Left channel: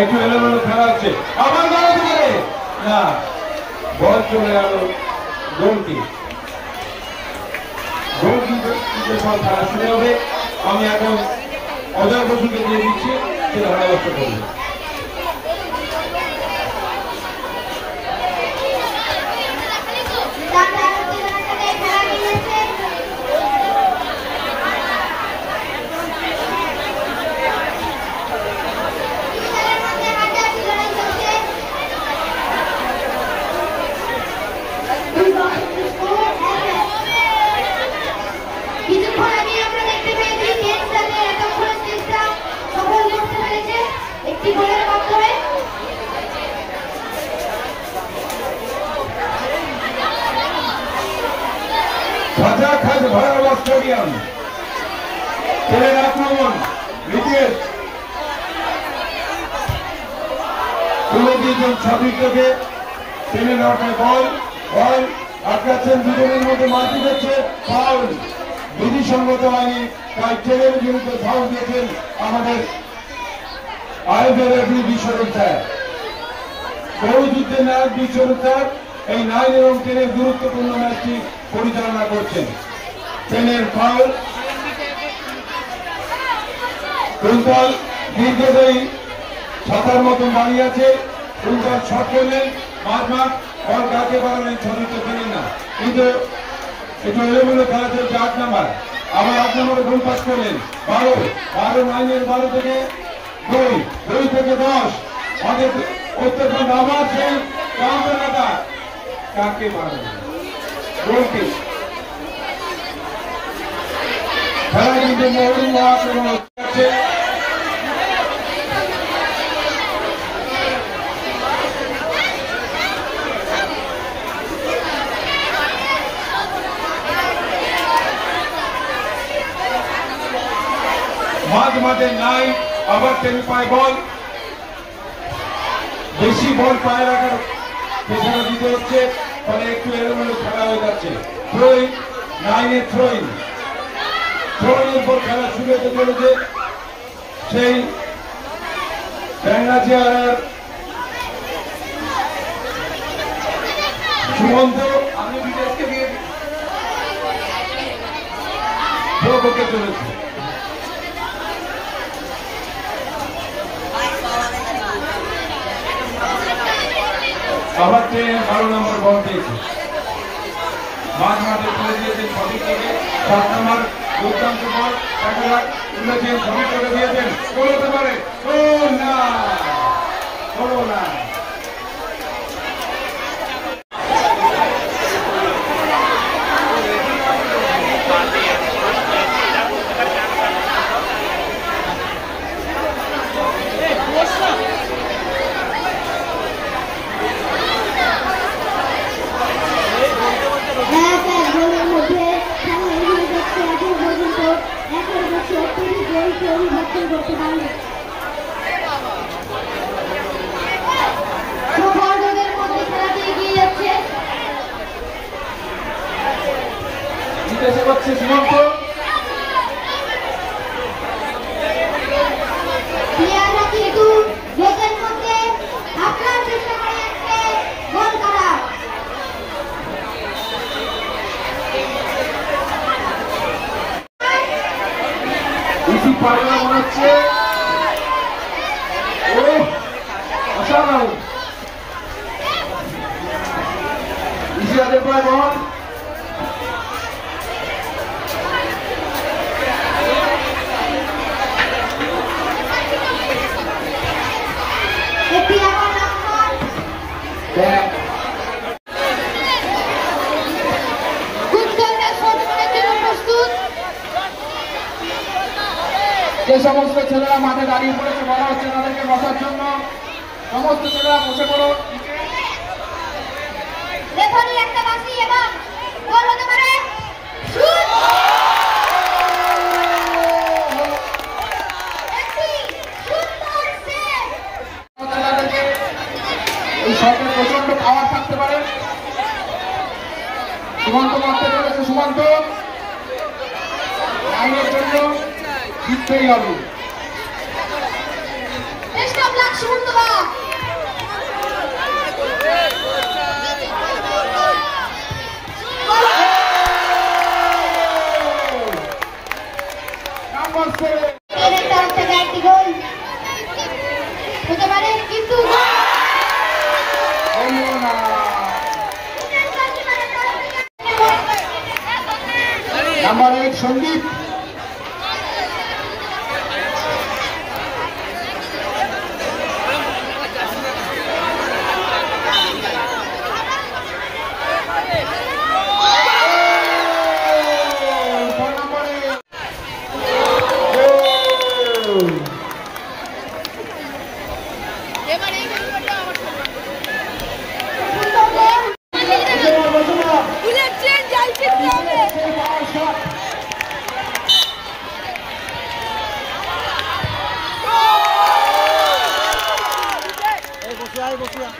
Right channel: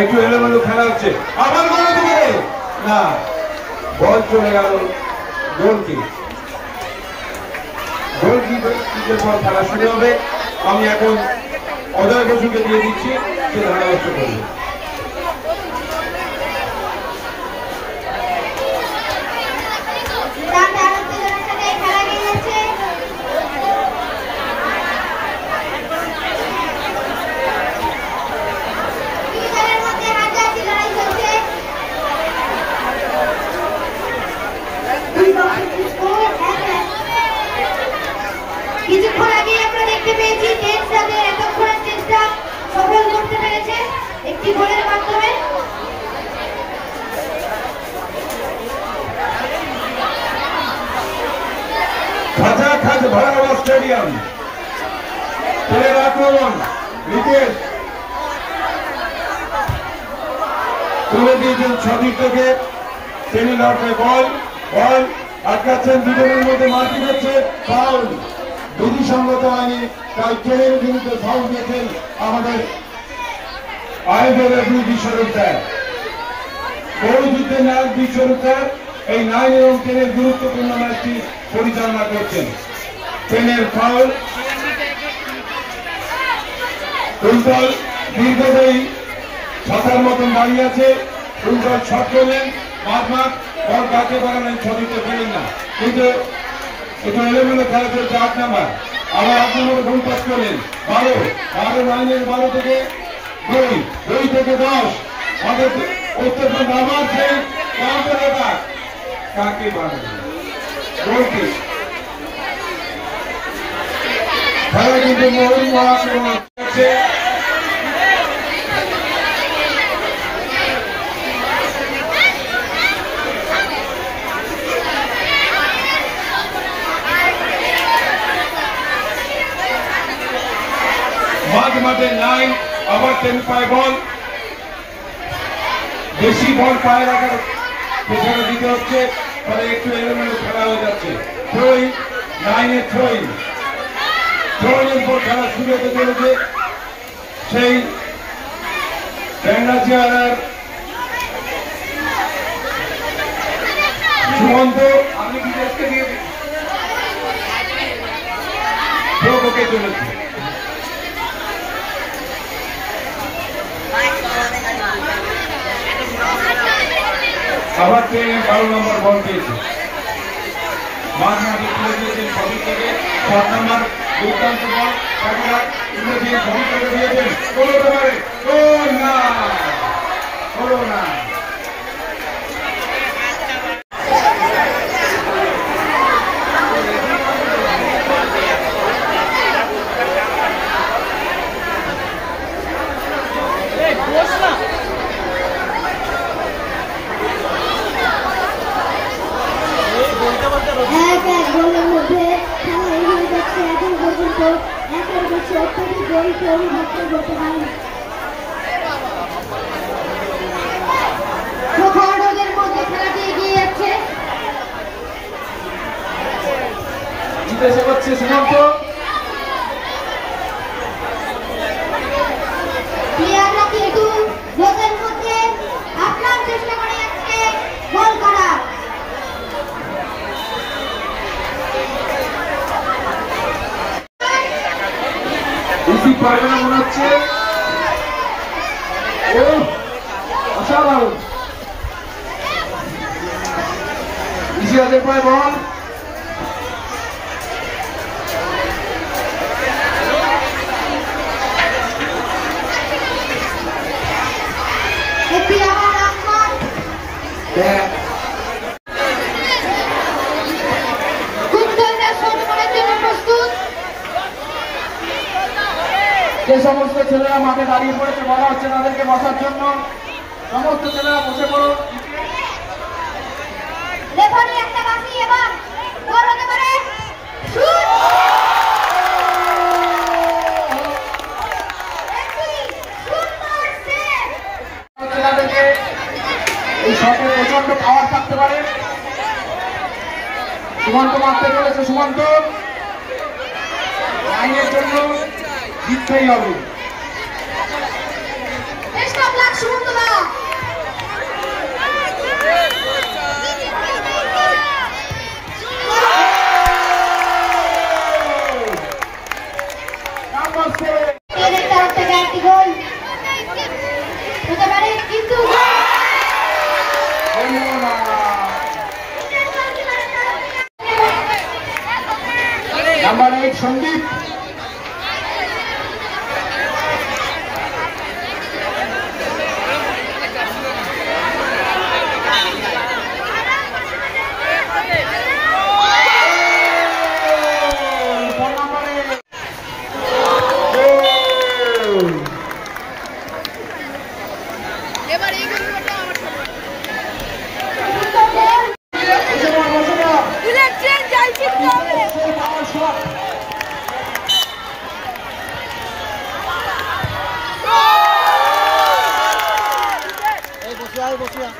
একটু এলোমেলো খেলা হচ্ছে, আবার বল দিকে না, বল চলে গেল গোলকি। গোলকিপারের পর খেলা শুরু হবে। আমি এখন অজয় বসুকে দিয়ে দিচ্ছি, সে ধারাভাষ্য করবে। কিছুক্ষণ আগে আমরা দেখতে পেয়েছি টেন্সদের এতক্ষণের চেষ্টা সফল করতে পেরেছে একটি গোলের মাধ্যমে। খাঁচাখাঁচ ভরা স্টেডিয়াম, ট্রেনের আক্রমণ, উইকেট তুলে দিয়েছেন সতীর্থকে। ট্রেনের লড়াই, বল বল আটকাচ্ছেন, দুজনের মধ্যে মারপিট হচ্ছে, ফাউল বিধিসঙ্গত হয়নি, তাই ট্রেনের বিরুদ্ধে ফাউল দিয়েছেন আমাদের আইএফএ বিশ্বরূপ স্যার। বহু যুদ্ধের নায়ক বিশ্বরূপ স্যার এই 9 এবং 10 গুরুত্বপূর্ণ ম্যাচটি পরিচালনা করছেন। ট্রেনের ফাউল, কুন্তল দীর্ঘদেহী ছাতার মতন দাঁড়িয়ে আছে, কুন্তল শট পেলেন, মাঝমাঠ বল কাটতে পারলেন, ছবিতে পেলেন না, কিন্তু একটু এলোমেলো খেলা চলছে। 8 নাম্বার, আবার 8 নম্বরে গোল পাস করলেন, 12 লাইনের 12 থেকে 2 থেকে 10 আমাদের উত্তরবঙ্গ আবার সেই কাউন্টার অ্যাটাক, কাকে মারবে গোলকি। খেলায় কিন্তু মোহনী আক্রমণ হচ্ছে। মাঝে 9, আবার 10 পায় বল, বেশি বল পায়ে রাখার পেছনে দিতে হচ্ছে, ফলে একটু এলোমেলো খেলা হয়ে যাচ্ছে। থ্রোইং, 9 থ্রোইং এর পর খেলা শুরু হতে চলেছে। সেই ব্যাঙ্গাচিয়ারের সুমন্ত, আমি বিদেশকে দিয়ে প্রভুকে চলেছি। আবার 12 নম্বর বল দিয়েছে, মাঝমাঠে তুলে দিয়েছেন সতীর্থকে। 7 নম্বর দুর্দান্ত বল, সতীর্থকে দিয়েছেন, হলো পারে, হলো না। জিজ্ঞাসা করছে সুমন্ত, পারবে না মনে হচ্ছে। ও অসাধারণ, ইসরাতের পায় বল, যে সমস্ত ছেলেরা মাঠে দাঁড়িয়ে পড়েছে বলা হচ্ছে তাদেরকে বসার জন্য। সমস্ত ছেলেরা বসে পড়ো। এই শটে প্রচন্ড পাওয়ার থাকতে পারে। সুমন্ত মারতে চলেছে, সুমন্ত লাইনের জন্য জিততেই হবে। সুমন্ত সন্দীপ বসিয়া